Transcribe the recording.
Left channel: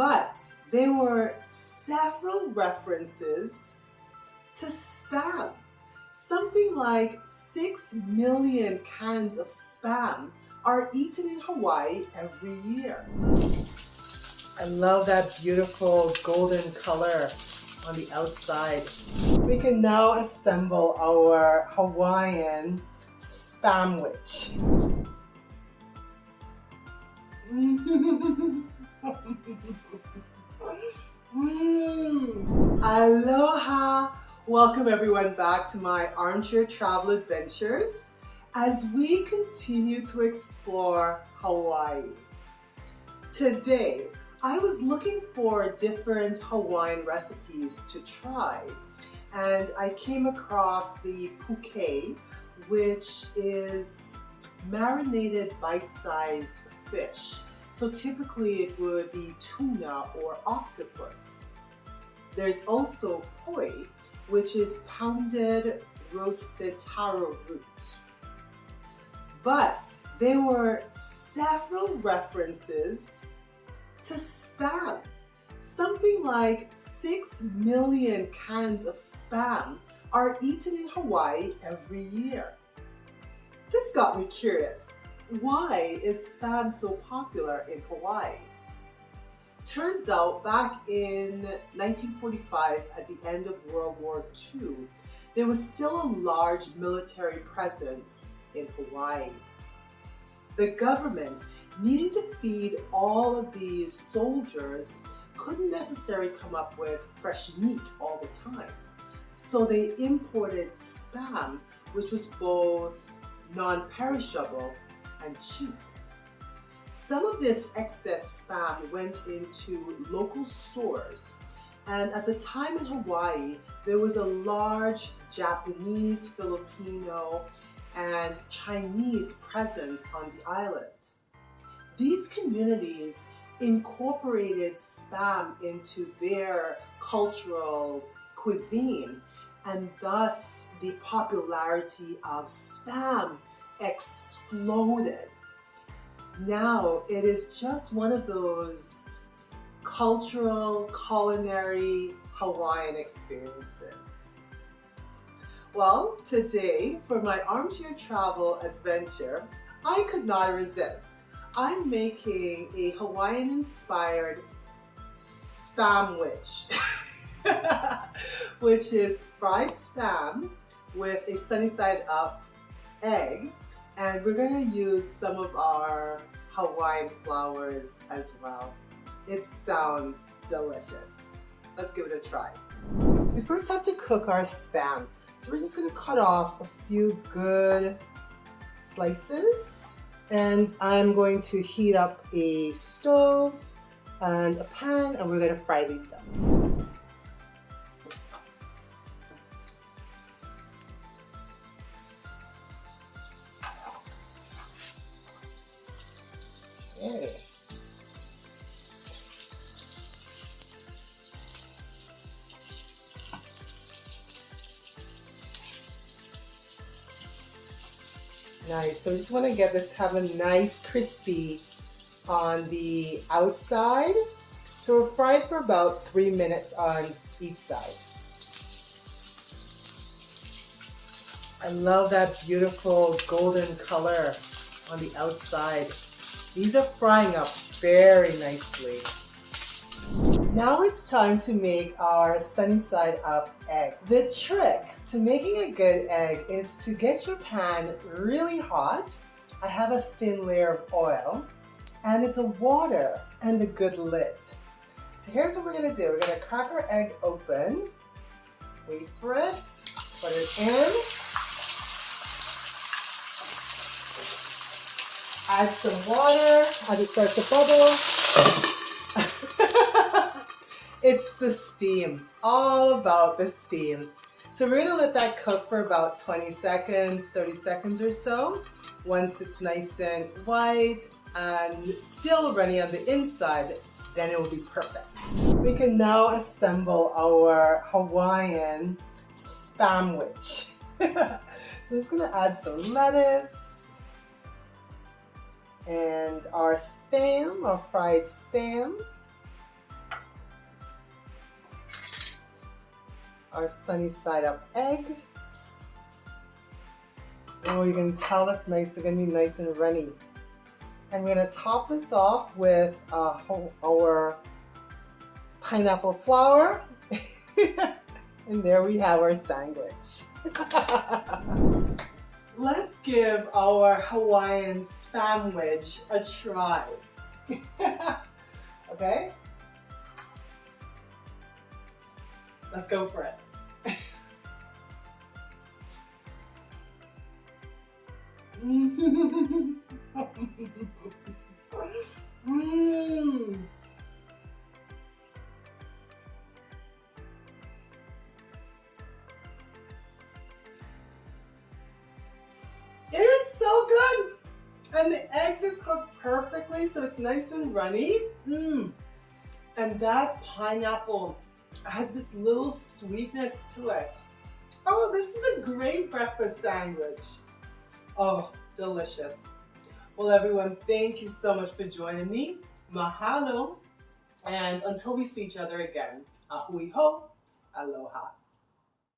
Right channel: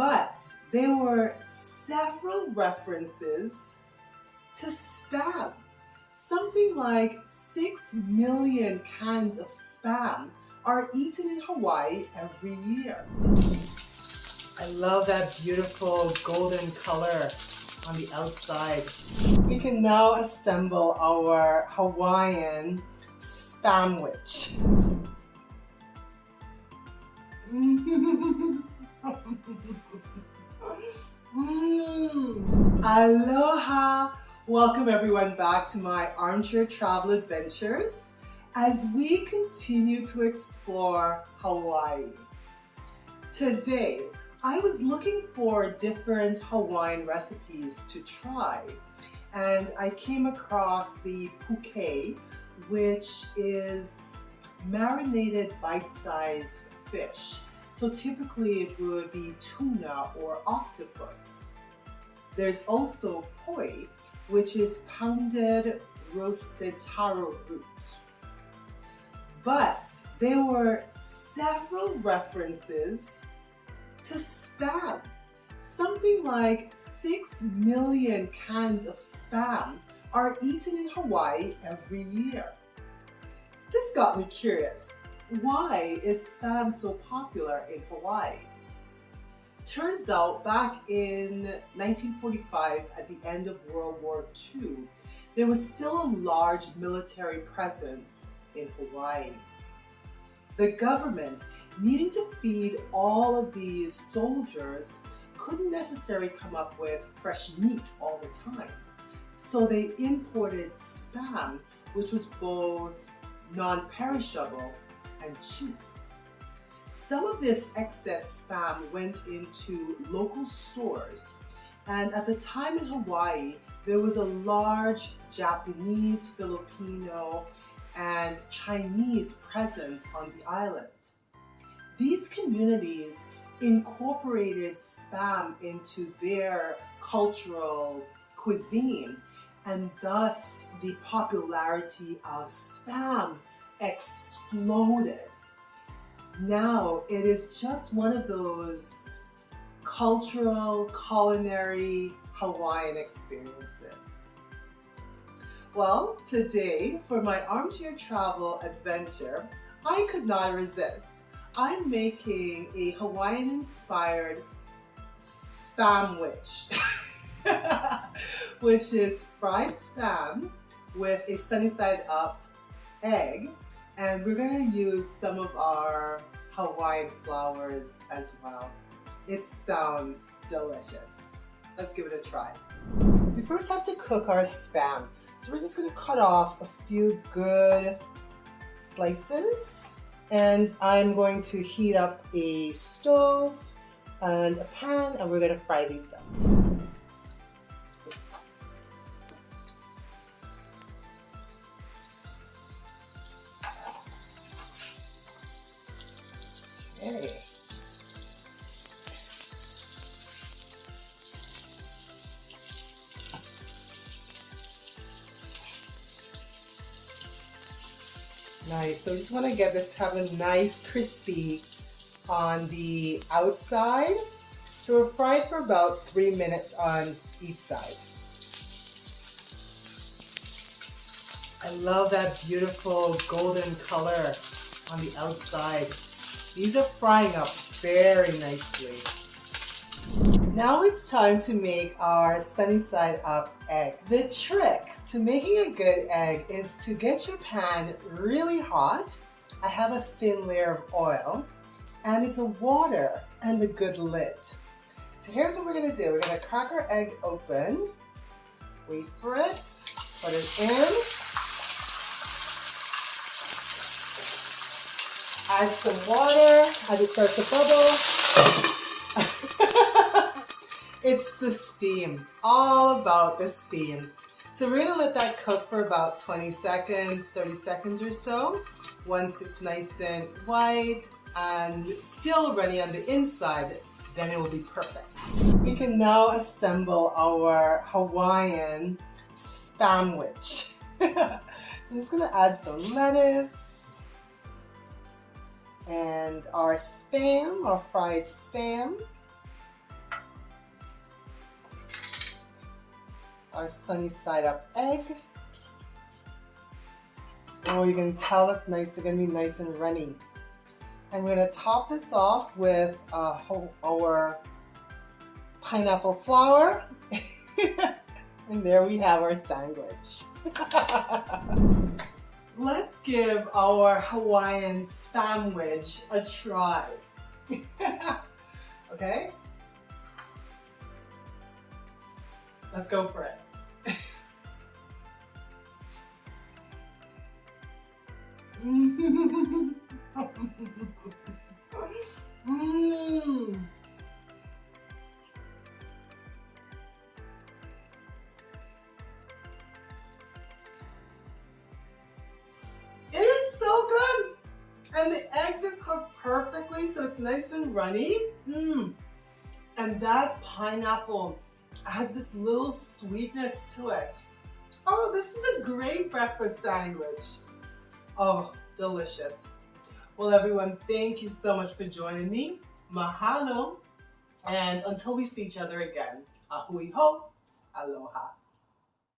But there were several references to Spam. Something like 6 million cans of Spam are eaten in Hawaii every year. I love that beautiful golden color on the outside. We can now assemble our Hawaiian Spamwich. Aloha! Welcome everyone back to my armchair travel adventures as we continue to explore Hawaii. Today, I was looking for different Hawaiian recipes to try, and I came across the puke, which is marinated bite-sized fish. So typically it would be tuna or octopus. There's also poi, which is pounded roasted taro root. But there were several references to Spam. Something like 6 million cans of Spam are eaten in Hawaii every year. This got me curious. Why is Spam so popular in Hawaii? Turns out back in 1945, at the end of World War II, there was still a large military presence in Hawaii. The government, needing to feed all of these soldiers, couldn't necessarily come up with fresh meat all the time. So they imported Spam, which was both non-perishable and cheap. Some of this excess Spam went into local stores, and at the time in Hawaii, there was a large Japanese, Filipino, and Chinese presence on the island. These communities incorporated Spam into their cultural cuisine, and thus the popularity of Spam exploded. Now it is just one of those cultural, culinary Hawaiian experiences. Well, today for my armchair travel adventure, I could not resist. I'm making a Hawaiian-inspired Spamwich, which is fried Spam with a sunny-side-up egg, and we're going to use some of our Hawaiian flowers as well. It sounds delicious. Let's give it a try. We first have to cook our Spam, so we're just going to cut off a few good slices. And I'm going to heat up a stove and a pan, and we're going to fry these down. Okay. Nice, so I just want to get this, have a nice crispy on the outside. So we're fried for about 3 minutes on each side. I love that beautiful golden color on the outside. These are frying up very nicely. Now it's time to make our sunny side up egg. The trick to making a good egg is to get your pan really hot. I have a thin layer of oil, and it's a water and a good lid. So here's what we're gonna do. We're gonna crack our egg open, wait for it, put it in, add some water as it starts to bubble. It's the steam, all about the steam. So we're gonna let that cook for about 20 seconds, 30 seconds or so. Once it's nice and white and still runny on the inside, then it will be perfect. We can now assemble our Hawaiian Spamwich. So I'm just gonna add some lettuce and our Spam, our fried Spam. our sunny side up egg. Oh, you can tell it's nice. It's gonna be nice and runny. And we're gonna top this off with our pineapple flour. And there we have our sandwich. Let's give our Hawaiian spamwich a try. Okay? Let's go for it. Mm. It is so good! And the eggs are cooked perfectly, so it's nice and runny. And that pineapple adds this little sweetness to it. Oh, this is a great breakfast sandwich. Oh, delicious. Well, everyone, thank you so much for joining me. Mahalo. And until we see each other again, ahui ho, aloha.